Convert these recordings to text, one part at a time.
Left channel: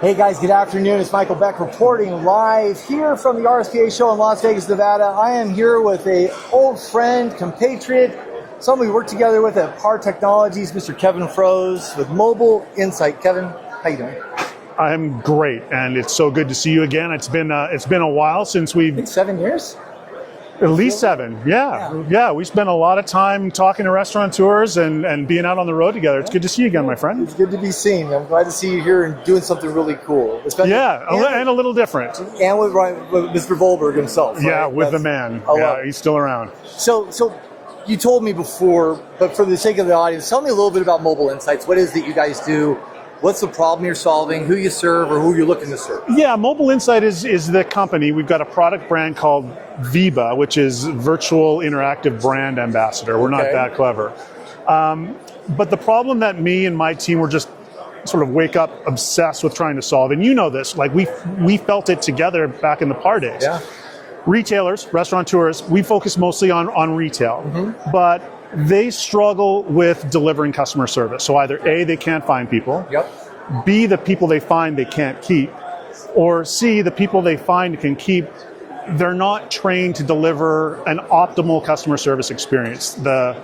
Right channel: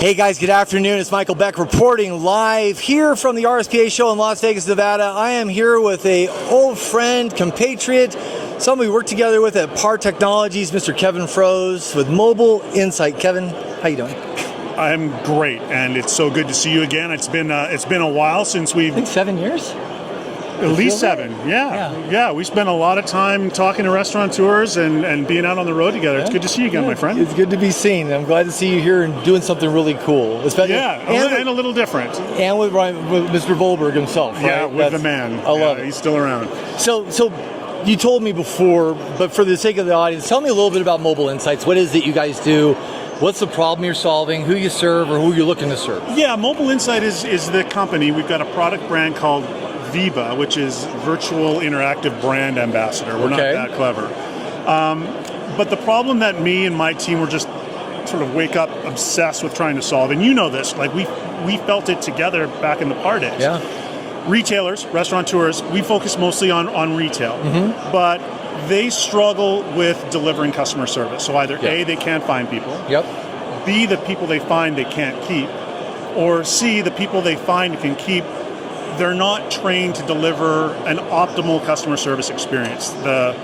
Hey guys, good afternoon. It's Michael Beck reporting live here from the RSPA show in Las Vegas, Nevada. I am here with an old friend, compatriot, someone we worked together with at PAR Technologies, Mr. Kevin Froese with Mobile Insight. Kevin, how you doing? I'm great, and it's so good to see you again. It's been a while since we've... I think 7 years? At least 7, yeah. We spent a lot of time talking to restaurateurs and being out on the road together. It's good to see you again, my friend. It's good to be seen. I'm glad to see you here and doing something really cool. And a little different. And with Mr. Volberg himself, right? Yeah, with the man. I love it. He's still around. So you told me before, but for the sake of the audience, tell me a little bit about Mobile Insights. What is it you guys do? What's the problem you're solving, who you serve, or who you're looking to serve? Yeah, Mobile Insight is the company. We've got a product brand called VIBA, which is Virtual Interactive Brand Ambassador. We're not that clever. But the problem that me and my team were just sort of wake up obsessed with trying to solve, and you know this, like we felt it together back in the PAR days. Yeah. Retailers, restaurateurs, we focus mostly on retail, but they struggle with delivering customer service. So either A, they can't find people, B, the people they find they can't keep, or C, the people they find can keep, they're not trained to deliver an optimal customer service experience. The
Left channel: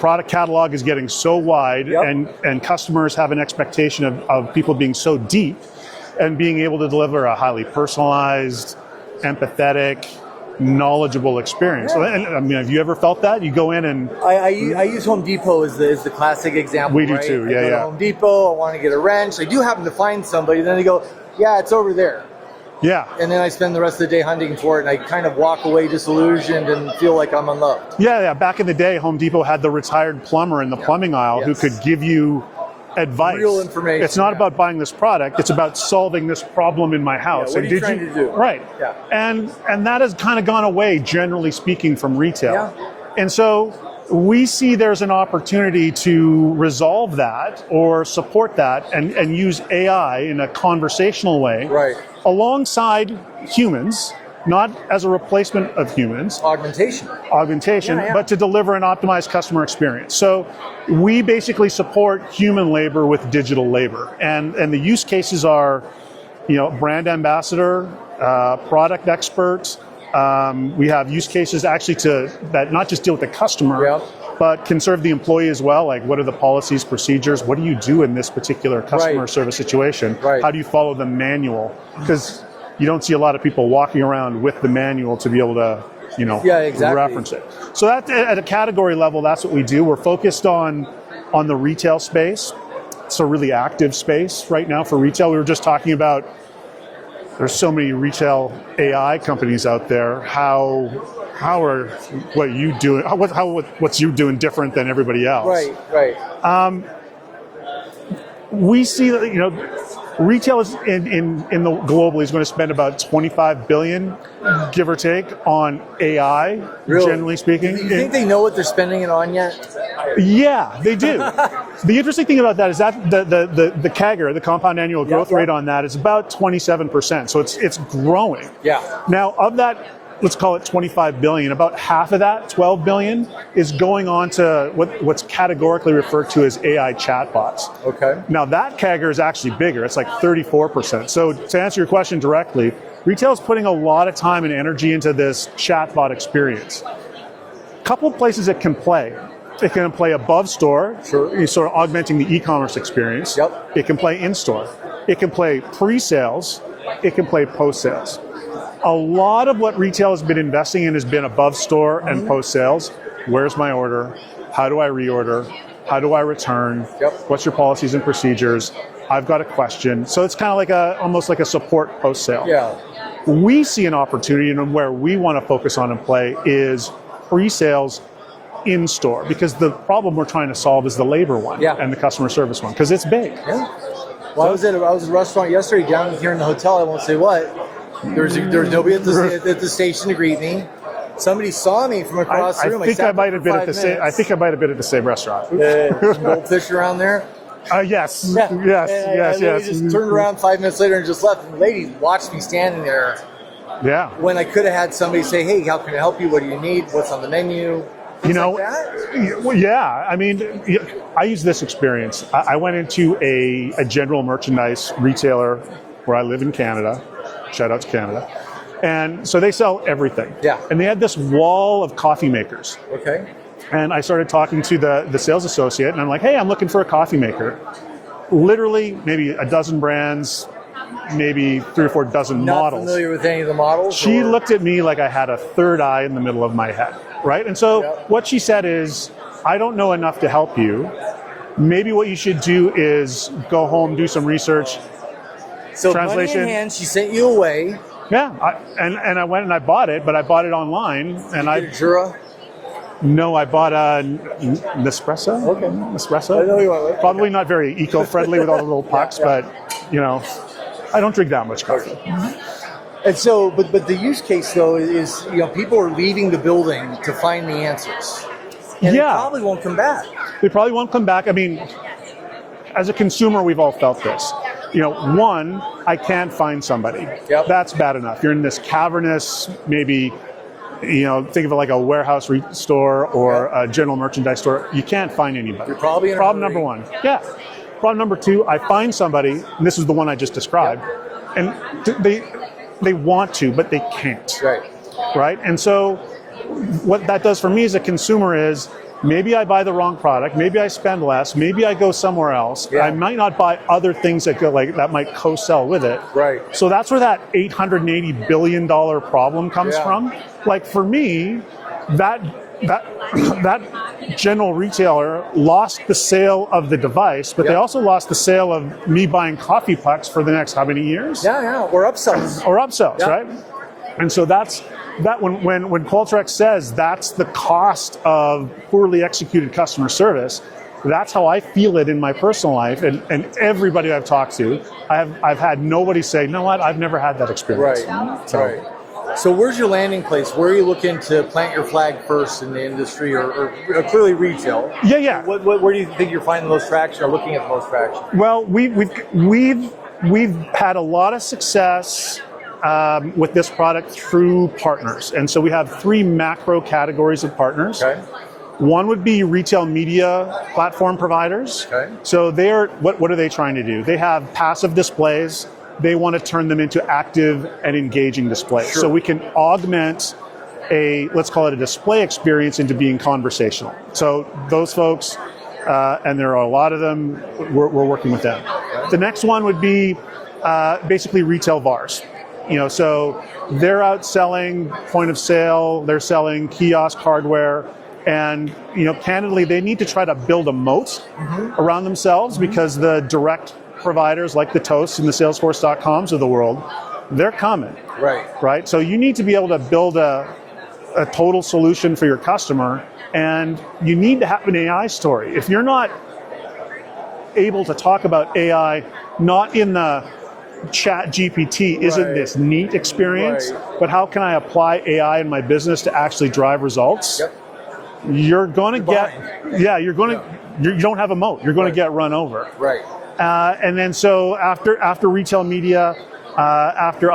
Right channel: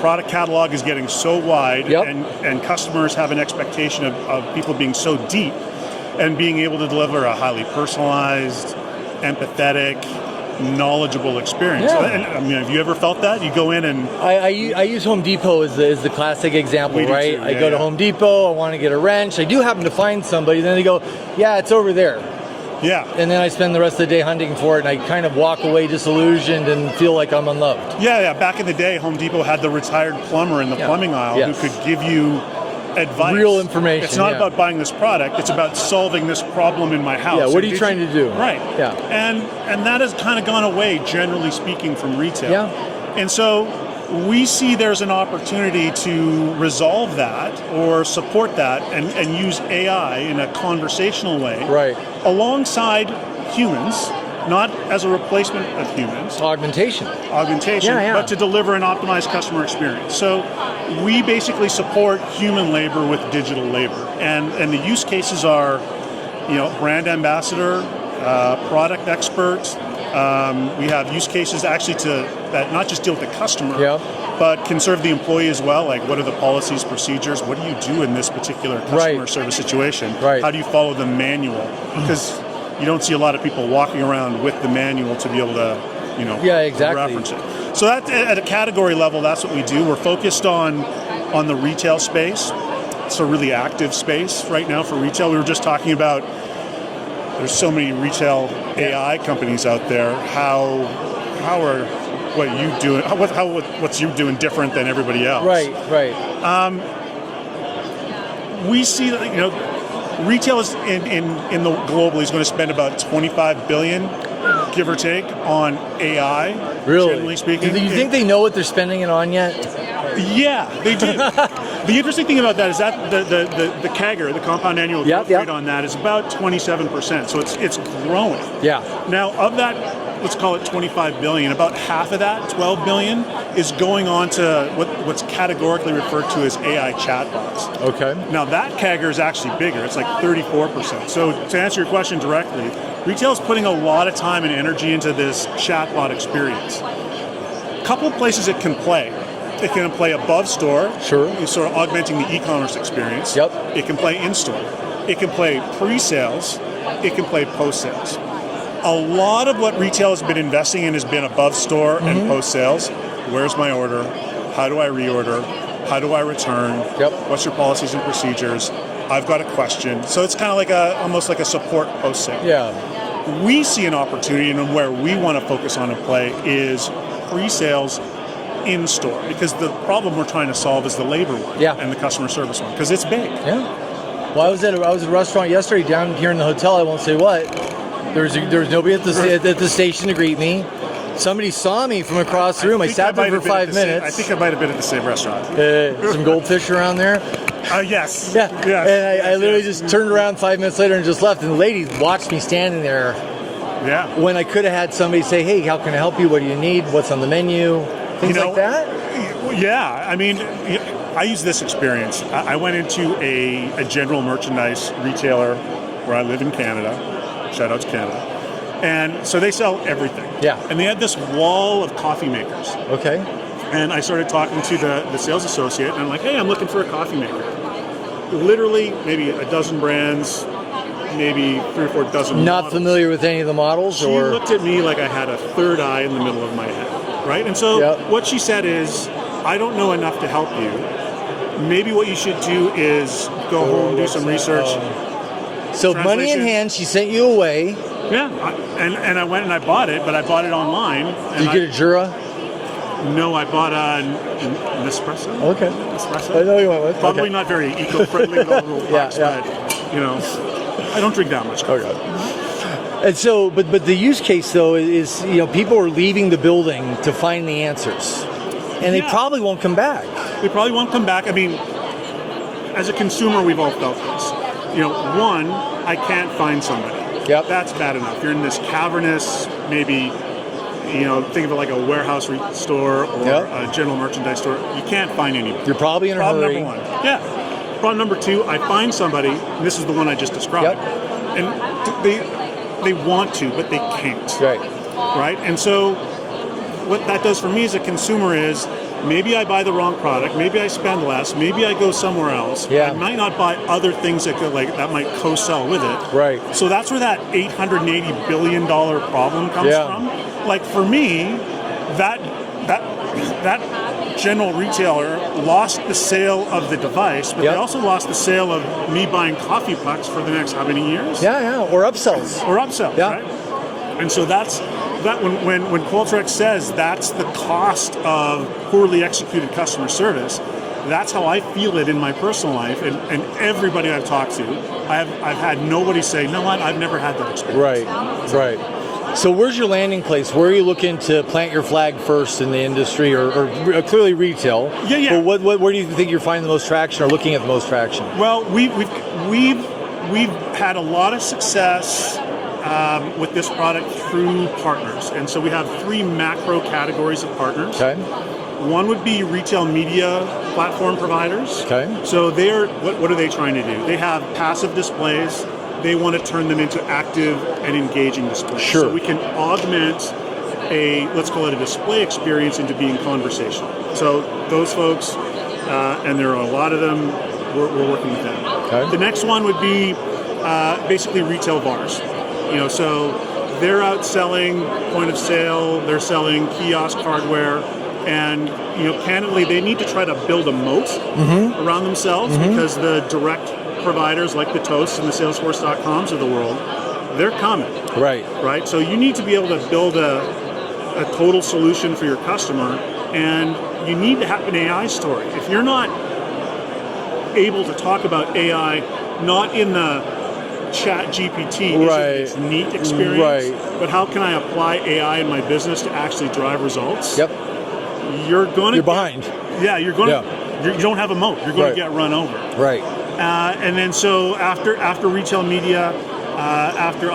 product catalog is getting so wide, and customers have an expectation of people being so deep and being able to deliver a highly personalized, empathetic, knowledgeable experience. Yeah. And I mean, have you ever felt that? You go in and... I use Home Depot as the classic example, we do right? too. I go to Home Depot, I want to get a wrench. I do happen to find somebody, then they go, yeah, it's over there. Yeah. And then I spend the rest of the day hunting for it, and I kind of walk away disillusioned and feel like I'm unloved. Yeah. Back in the day, Home Depot had the retired plumber in the plumbing aisle who could give you advice. Real information. It's not about buying this product, it's about solving this problem in my house. Yeah, what are you trying to do? Right. Yeah. And that has kind of gone away, generally speaking, from retail. Yeah. And so we see there's an opportunity to resolve that or support that and use AI in a conversational way alongside humans, not as a replacement of humans. Augmentation, but to deliver an optimized customer experience. So we basically support human labor with digital labor. And the use cases are, brand ambassador, product expert. We have use cases actually that not just deal with the customer, but can serve the employee as well. Like, what are the policies, procedures? What do you do in this particular customer service situation? How do you follow the manual? Because you don't see a lot of people walking around with the manual to be able to, reference it. So that, at a category level, that's what we do. We're focused on the retail space. It's a really active space right now for retail. We were just talking about there's so many retail AI companies out there. What's you doing different than everybody else? Right. We see that retail is in the globally is going to spend about $25 billion, give or take, on AI. Really? Generally speaking. Do you think they know what they're spending it on yet? Yeah, they do. The interesting thing about that is that the CAGR, the compound annual growth rate on that, is about 27%. So it's growing. Yeah. Now, of that, let's call it 25 billion, about half of that, 12 billion, is going on to what's categorically referred to as AI chatbots. Okay. Now that CAGR is actually bigger. It's like 34%. So to answer your question directly, retail is putting a lot of time and energy into this chatbot experience. A couple of places it can play. It can play above store, sort of augmenting the e-commerce experience. Yep. It can play in-store. It can play pre-sales. It can play post-sales. A lot of what retail has been investing in has been above store and post-sales. Where's my order? How do I reorder? How do I return? What's your policies and procedures? I've got a question. So it's kind of almost like a support post-sale. Yeah. We see an opportunity, and where we want to focus on and play is pre-sales in store, because the problem we're trying to solve is the labor one and the customer service one, because it's big. Yeah. Well, I was at a restaurant yesterday down here in the hotel. I won't say what. There was nobody at the station to greet me. Somebody saw me from across the room. I sat there for 5 minutes. I think I might have been at the same restaurant. Some goldfish around there. Yes. Yeah. And I literally just turned around 5 minutes later and just left. And the lady watched me standing there. Yeah. When I could have had somebody say, "Hey, how can I help you? What do you need? What's on the menu?" Things like that. Yeah. I mean, I use this experience. I went into a general merchandise retailer where I live in Canada. Shout out to Canada. And so they sell everything. Yeah. And they had this wall of coffee makers. Okay. And I started talking to the sales associate, and I'm like, hey, I'm looking for a coffee maker. Literally, maybe a dozen brands, maybe 3 or 4 dozen Not models. familiar with any of the models? She looked at me like I had a third eye in the middle of my head, right? And so what she said is, I don't know enough to help you. Maybe what you should do is go home, do some research. So money in hand, she sent you away. Yeah, and I went and I bought it, but I bought it online. Did you get a Jura? No, I bought a Nespresso. Okay. Espresso. I know you are. Probably not very eco-friendly with all the little pucks, but you know, I don't drink that much coffee. And so, but the use case though is, you know, people are leaving the building to find the answers, and they probably won't come back. They probably won't come back. I mean, as a consumer, we've all felt this. You know, one, I can't find somebody. Yep. That's bad enough. You're in this cavernous, maybe, you know, think of it like a warehouse store or a general merchandise store. You can't find anybody. You're probably in a Problem hurry. number one. Yeah. Problem number two, I find somebody, and this is the one I just described, and they want to, but they can't. Right. Right? And so what that does for me as a consumer is, maybe I buy the wrong product, maybe I spend less, maybe I go somewhere else. I might not buy other things that might co-sell with it. Right. So that's where that $880 billion problem comes from. Like for me, that general retailer lost the sale of the device, but they also lost the sale of me buying coffee pucks for the next how many years? Or upsells. Right? And so that's when Qualtrics says that's the cost of poorly executed customer service, that's how I feel it in my personal life, and everybody I've talked to, I've had nobody say, you know what, I've never had that experience. Right. So where's your landing place? Where are you looking to plant your flag first in the industry, or clearly retail? Yeah. But where do you think you're finding the most traction, or looking at the most traction? Well, we've had a lot of success with this product through partners, and so we have 3 macro categories of partners. Okay. One would be retail media platform providers. Okay. So what are they trying to do? They have passive displays. They want to turn them into active and engaging displays. Sure. So we can augment let's call it a display experience into being conversational. So those folks, and there are a lot of them, we're working with them. Okay. The next one would be basically retail VARs. You know, so they're out selling point of sale, they're selling kiosk hardware, and you know, candidly, they need to try to build a moat around themselves because the direct providers like the Toasts and the Salesforce.coms of the world, they're coming. Right. So you need to be able to build a total solution for your customer, and you need to have an AI story. If you're not able to talk about AI, not in the Chat GPT isn't this neat experience, but how can I apply AI in my business to actually drive results? You're going to behind. You're going to. You don't have a moat. You're going to get run over. And then so after retail media, after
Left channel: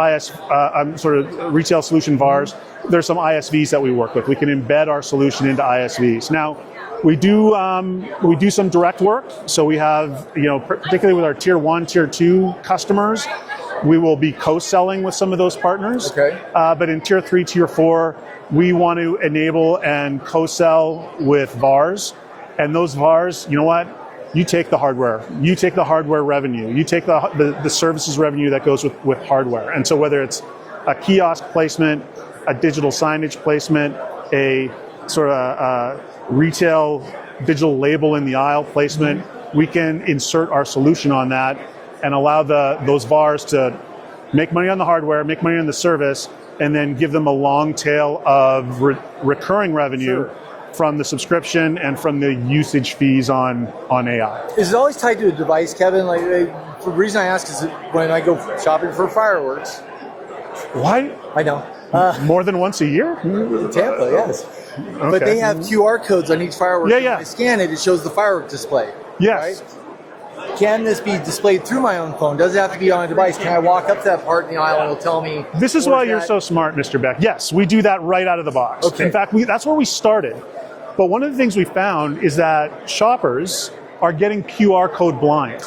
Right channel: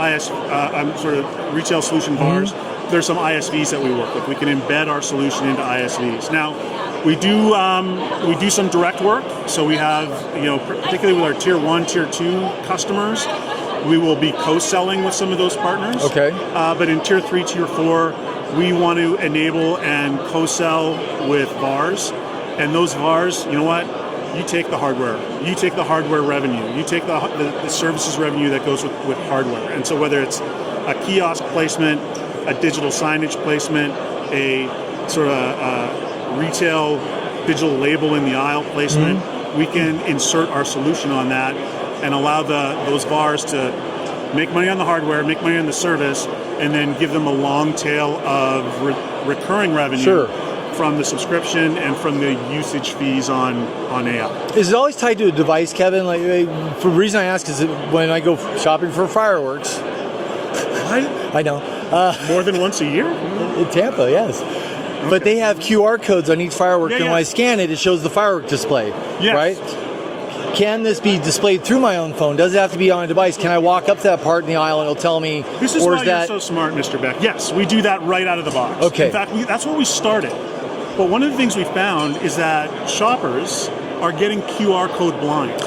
sort of retail solution VARs, there's some ISVs that we work with. We can embed our solution into ISVs. Now, we do some direct work. So we have, you know, particularly with our tier 1, tier 2 customers, we will be co-selling with some of those partners. But in tier 3, tier 4, we want to enable and co-sell with VARs. And those VARs, you know what? You take the hardware. You take the hardware revenue. You take the services revenue that goes with hardware. And so whether it's a kiosk placement, a digital signage placement, a sort of retail digital label in the aisle placement, we can insert our solution on that and allow those VARs to make money on the hardware, make money on the service, and then give them a long tail of recurring revenue from the subscription and from the usage fees on AI. Is it always tied to a device, Kevin? Like, the reason I ask is that when I go shopping for fireworks. What? I know. More than once a year? In Tampa, yes. But they have QR codes on each firework, and when I scan it, it shows the firework display. Right? Can this be displayed through my own phone? Does it have to be on a device? Can I walk up to that part in the aisle and it'll tell me? This is why you're so smart, Mr. Beck. Yes, we do that right out of the box. In fact, that's where we started. But one of the things we found is that shoppers are getting QR code blind.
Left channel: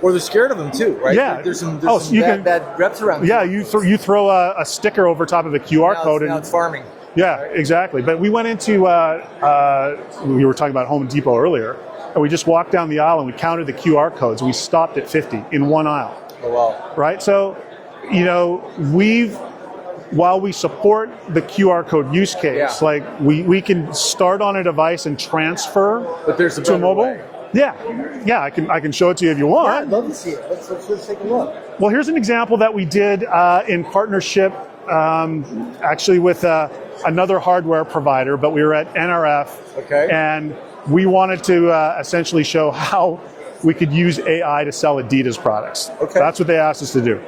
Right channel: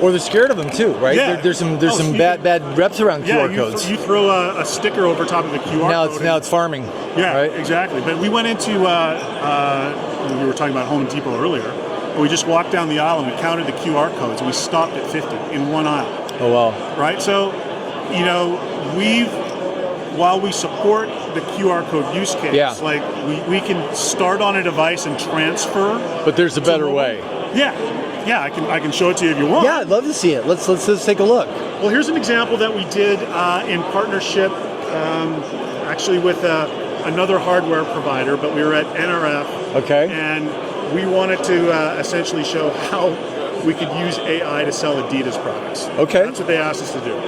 Or they're scared of them too, right? Yeah. There's some bad reps around QR codes. You throw a sticker over top of the QR code. Now it's farming. Yeah, right? Exactly. But we went into, we were talking about Home Depot earlier, and we just walked down the aisle and we counted the QR codes and we stopped at 50 in one aisle. Oh, wow. Right? So, while we support the QR code use case, like we can start on a device and transfer. But there's a better way. Yeah, I can show it to you if you want. Yeah, I'd love to see it. Let's take a look. Well, here's an example that we did in partnership, actually with another hardware provider, but we were at NRF. Okay. And we wanted to essentially show how we could use AI to sell Adidas products. Okay. That's what they asked us to do.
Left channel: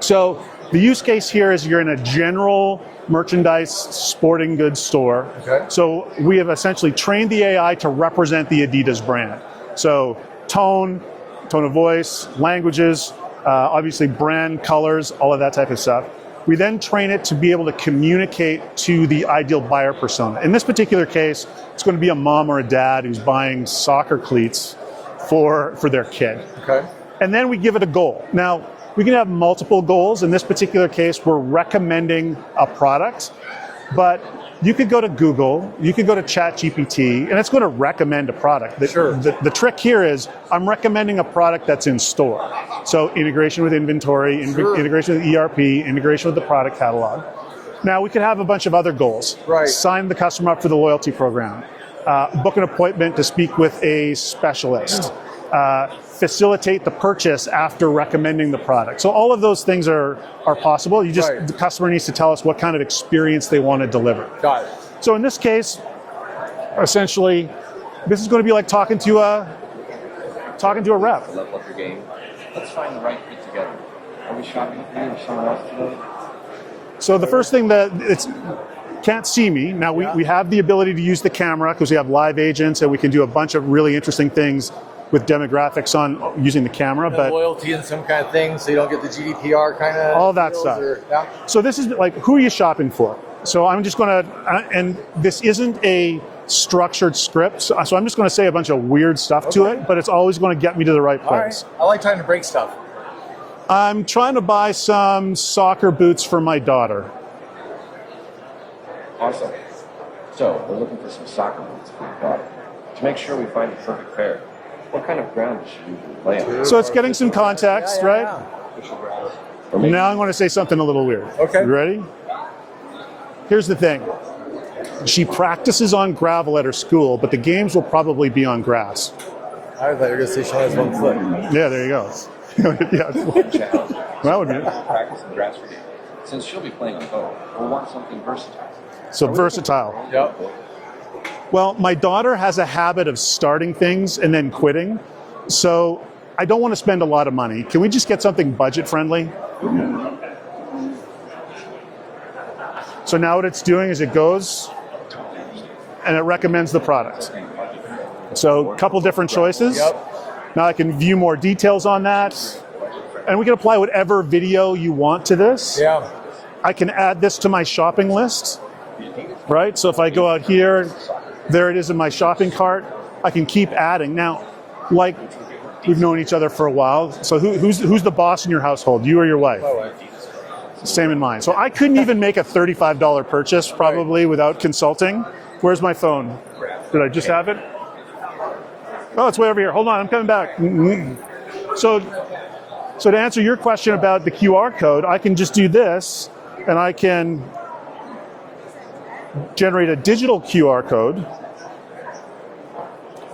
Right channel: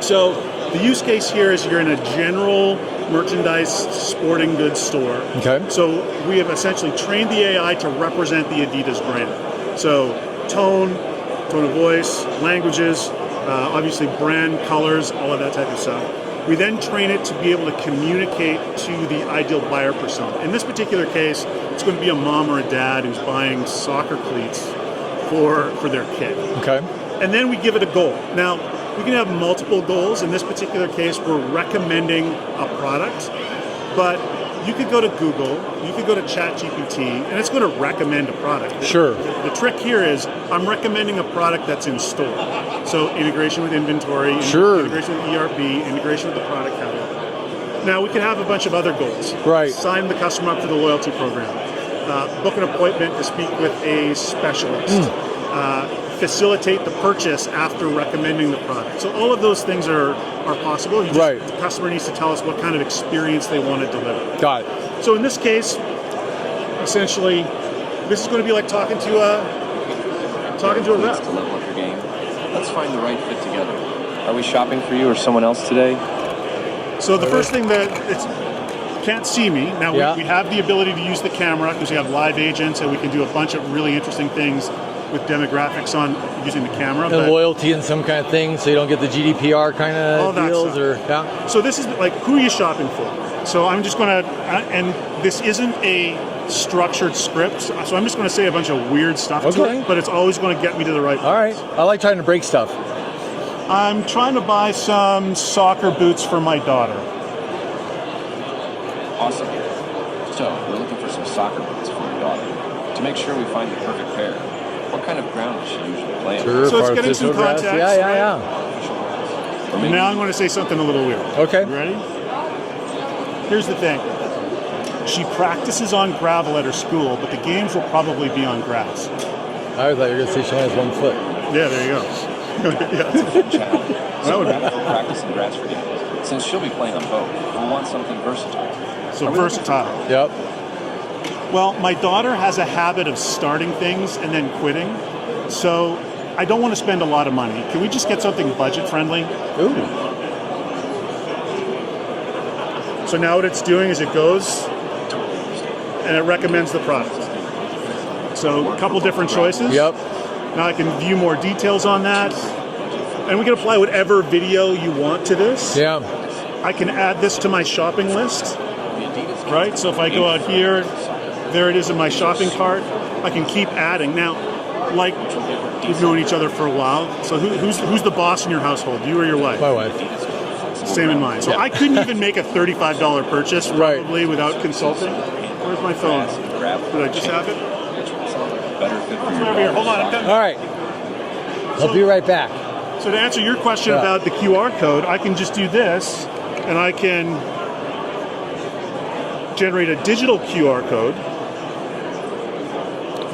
So the use case here is you're in a general merchandise sporting goods store. Okay. So we have essentially trained the AI to represent the Adidas brand. So tone of voice, languages, obviously brand, colors, all of that type of stuff. We then train it to be able to communicate to the ideal buyer persona. In this particular case, it's going to be a mom or a dad who's buying soccer cleats for their kid. Okay. And then we give it a goal. Now, we can have multiple goals. In this particular case, we're recommending a product, but you could go to Google, you could go to ChatGPT, and it's going to recommend a product. Sure. The trick here is I'm recommending a product that's in store. So integration with inventory, integration with ERP, integration with the product catalog. Now, we can have a bunch of other goals. Right. Sign the customer up for the loyalty program. Book an appointment to speak with a specialist. Facilitate the purchase after recommending the product. So all of those things are possible. The customer needs to tell us what kind of experience they want to deliver. Got it. So in this case, essentially, this is going to be like talking to a rep. To level up your game. Let's find the right fit together. Are we shopping for you or someone else today? So the first thing that can't see me. Now we have the ability to use the camera because we have live agents and we can do a bunch of really interesting things with demographics on using the camera. And loyalty and some kind of thing, so you don't get the GDPR kind of all that deals. Stuff. So this is like, who are you shopping for? So I'm just going to, and this isn't a structured script, so I'm just going to say a bunch of weird stuff to it, but it's always going to get me to the right place. All right. I like trying to break stuff. I'm trying to buy some soccer boots for my daughter. Awesome. So we're looking for some soccer boots for your daughter. To make sure we find the perfect pair, what kind of ground does she usually play in? So it's getting some context, right? Now I'm going to say something a little weird. Okay. You ready? Here's the thing. She practices on gravel at her school, but the games will probably be on grass. I thought you were going to say she has 1 foot. Yeah, there you go. That would be practice in grass for games. Since she'll be playing on both, we'll want something versatile. So versatile. Yep. Well, my daughter has a habit of starting things and then quitting. So I don't want to spend a lot of money. Can we just get something budget friendly? Ooh. So now what it's doing is it goes and it recommends the product. So a couple different choices. Yep. Now I can view more details on that. And we can apply whatever video you want to this. Yeah. I can add this to my shopping list. Right? So if I go out here, there it is in my shopping cart. I can keep adding. Now, like, we've known each other for a while. So who's the boss in your household, you or your wife? My wife. Same in mine. So I couldn't even make a $35 purchase probably without consulting. Where's my phone? Did I just have it? Oh, it's way over here. Hold on, I'm coming back. All right. So I'll be right back. So to answer your question about the QR code, I can just do this, and I can generate a digital QR code.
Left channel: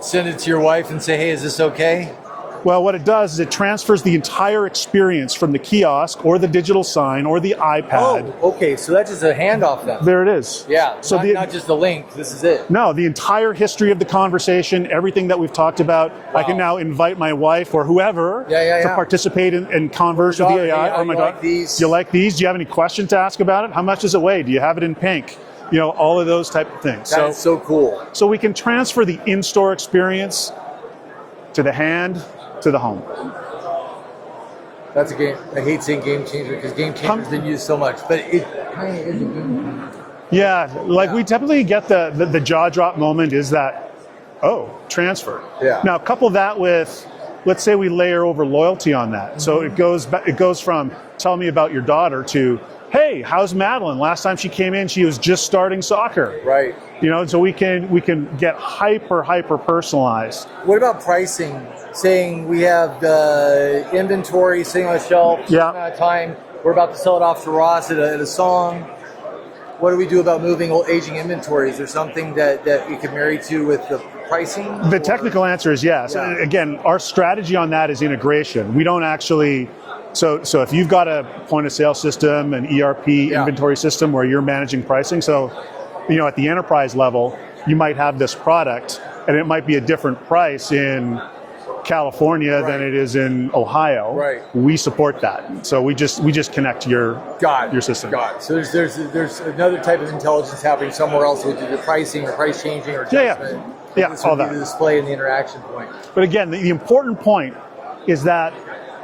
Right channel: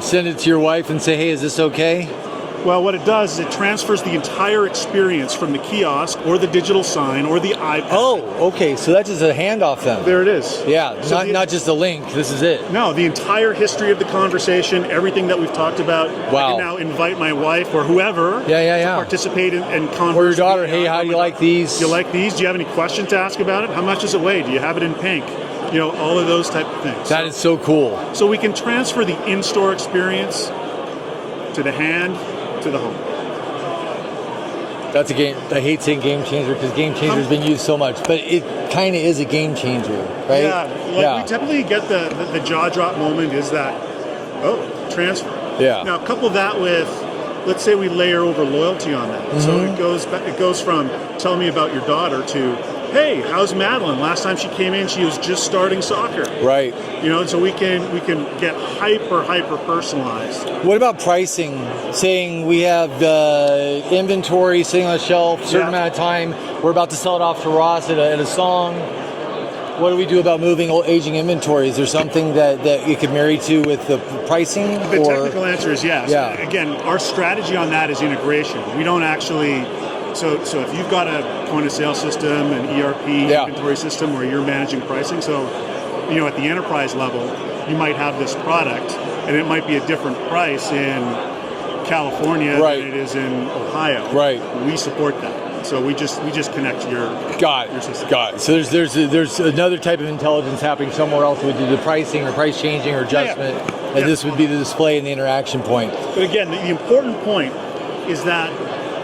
Send it to your wife and say, hey, is this okay? Well, what it does is it transfers the entire experience from the kiosk or the digital sign or the iPad. Oh, okay. So that's just a handoff then. There it is. Yeah, so not just a link. This is it. No, the entire history of the conversation, everything that we've talked about. Wow. I can now invite my wife or whoever to participate in converse. Or your daughter, hey, how do you like these? You like these? Do you have any questions to ask about it? How much does it weigh? Do you have it in pink? You know, all of those type of things. That is so cool. So we can transfer the in-store experience to the hand, to the home. That's a game. I hate saying game changer because game changer has been used so much, but it kind of is a game changer. Right? Yeah, we typically get the jaw drop moment is that, oh, transfer. Yeah. Now, couple that with, let's say we layer over loyalty on that. Mm-hmm. So it goes from tell me about your daughter to, hey, how's Madeline? Last time she came in, she was just starting soccer. Right. You know, so we can get hyper personalized. What about pricing? Saying we have inventory sitting on the shelf, certain amount of time, we're about to sell it off to Ross at a song. What do we do about moving aging inventory? Is there something that you could marry to with the pricing? The technical answer is yes. Yeah. Again, our strategy on that is integration. We don't actually. So if you've got a point of sale system, an ERP inventory system where you're managing pricing, so at the enterprise level, you might have this product and it might be a different price in California than it is in Ohio. Right. We support that. So we just connect your system. Got it. So there's another type of intelligence happening somewhere else. We do the pricing or price changing or adjustment, and this would be the display and the interaction point. But again, the important point is that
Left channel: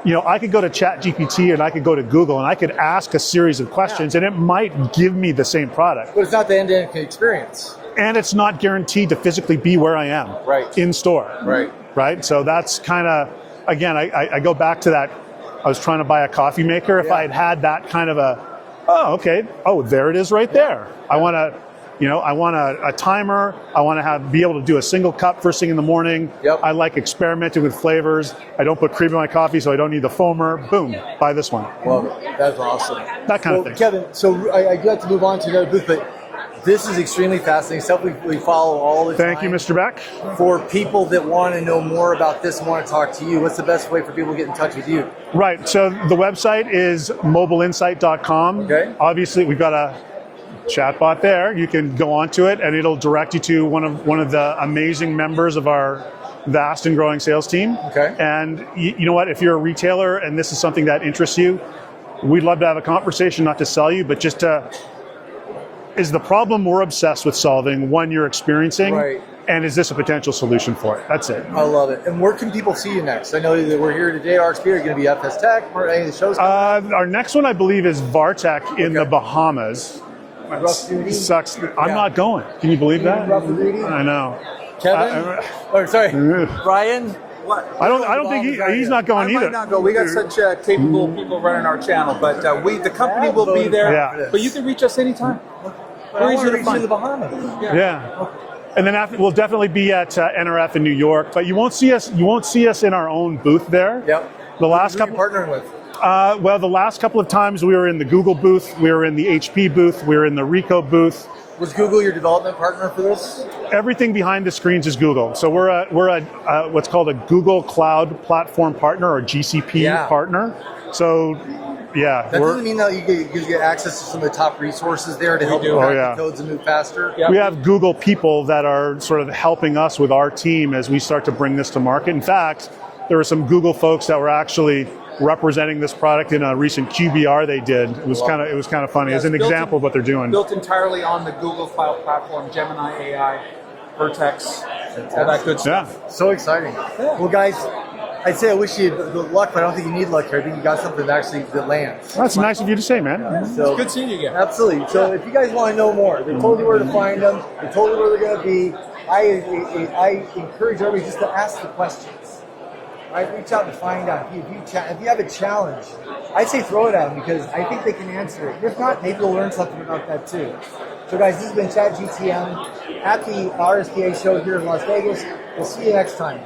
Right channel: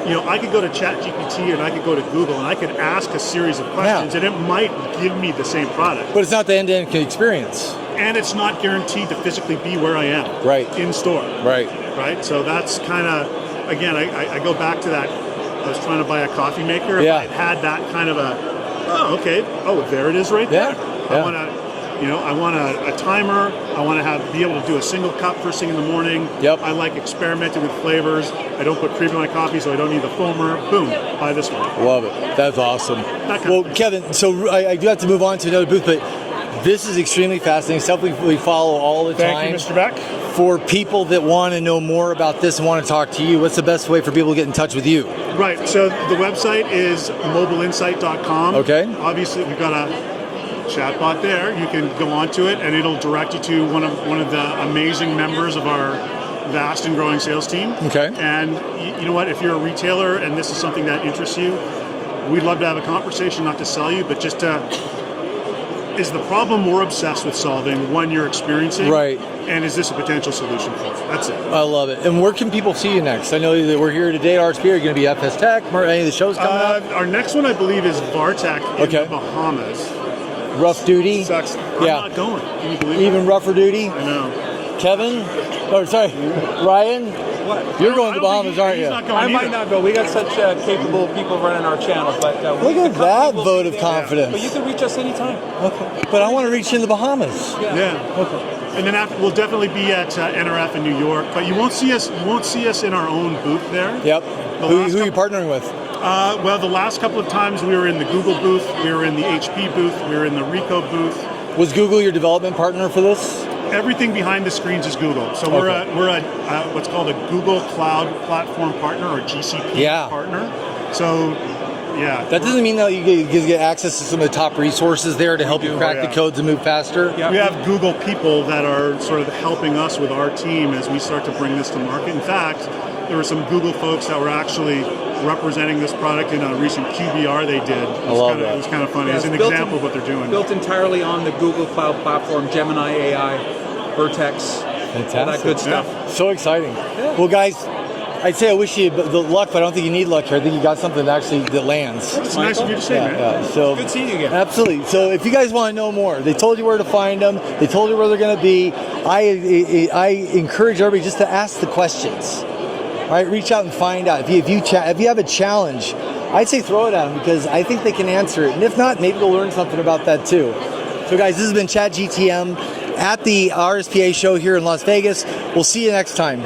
I could go to ChatGPT and I could go to Google and I could ask a series of questions and it might give me the same product. But it's not the end-to-end experience. And it's not guaranteed to physically be where I am. Right. In store. Right. So that's kind of, again, I go back to that. I was trying to buy a coffee maker. If I had that kind of there it is right there. Yeah. I want to. I want a timer. I want to be able to do a single cup first thing in the morning. Yep. I like experimenting with flavors. I don't put cream in my coffee, so I don't need the foamer. Boom, buy this one. Love it. That's awesome. That kind of thing. Kevin, so I do have to move on to another booth, but this is extremely fascinating stuff we follow all the time. Thank you, Mr. Beck. For people that want to know more about this and want to talk to you, what's the best way for people to get in touch with you? Right. So the website is mobileinsight.com. Okay. Obviously, we've got a chatbot there. You can go onto it and it'll direct you to one of the amazing members of our vast and growing sales team. Okay. And you know what, if you're a retailer and this is something that interests you, we'd love to have a conversation, not to sell you, but just to, is the problem we're obsessed with solving one you're experiencing? Right. And is this a potential solution for it? That's it. I love it. And where can people see you next? I know that we're here today at RSPA. Are you going to be FS Tech? Any of the shows coming up? Our next one, I believe, is VARTech in the Bahamas. Rough duty? Sucks. I'm not going. Can you believe that? Even rougher duty? I know. Kevin? Ryan? What? I don't think he's not going either. I might not go. We got such capable people running our channel, but the company will be there. Confidence. But you can reach us anytime. Okay. But I want to reach you in the Bahamas. Yeah. Okay. And then we'll definitely be at NRF in New York, but you won't see us in our own booth there. Yep. Who are you couple, partnering with? Well, the last couple of times we were in the Google booth, we were in the HP booth, we were in the Ricoh booth. Was Google your development partner for this? Everything behind the screens is Google. So we're a what's called a Google Cloud Platform Partner or GCP partner. So that doesn't mean that you get access to some of the top resources there to help you crack the codes and move faster. We have Google people that are sort of helping us with our team as we start to bring this to market. In fact, there were some Google folks that were actually representing this product in a recent QBR they did. It was kind of funny. It's an example of what they're doing. Built entirely on the Google Cloud Platform, Gemini AI, Vertex, all that good stuff. Yeah. So exciting. Well, guys, I'd say I wish you the luck, but I don't think you need luck here. I think you got something that lands. That's nice of you to say, man. Yeah. So, it's good seeing you again. Absolutely. So if you guys want to know more, they told you where to find them. They told you where they're going to be. I encourage everybody just to ask the questions. All right, reach out and find out. If you have a challenge, I'd say throw it at them because I think they can answer it. And if not, maybe they'll learn something about that too. So guys, this has been Chat GTM at the RSPA show here in Las Vegas. We'll see you next time.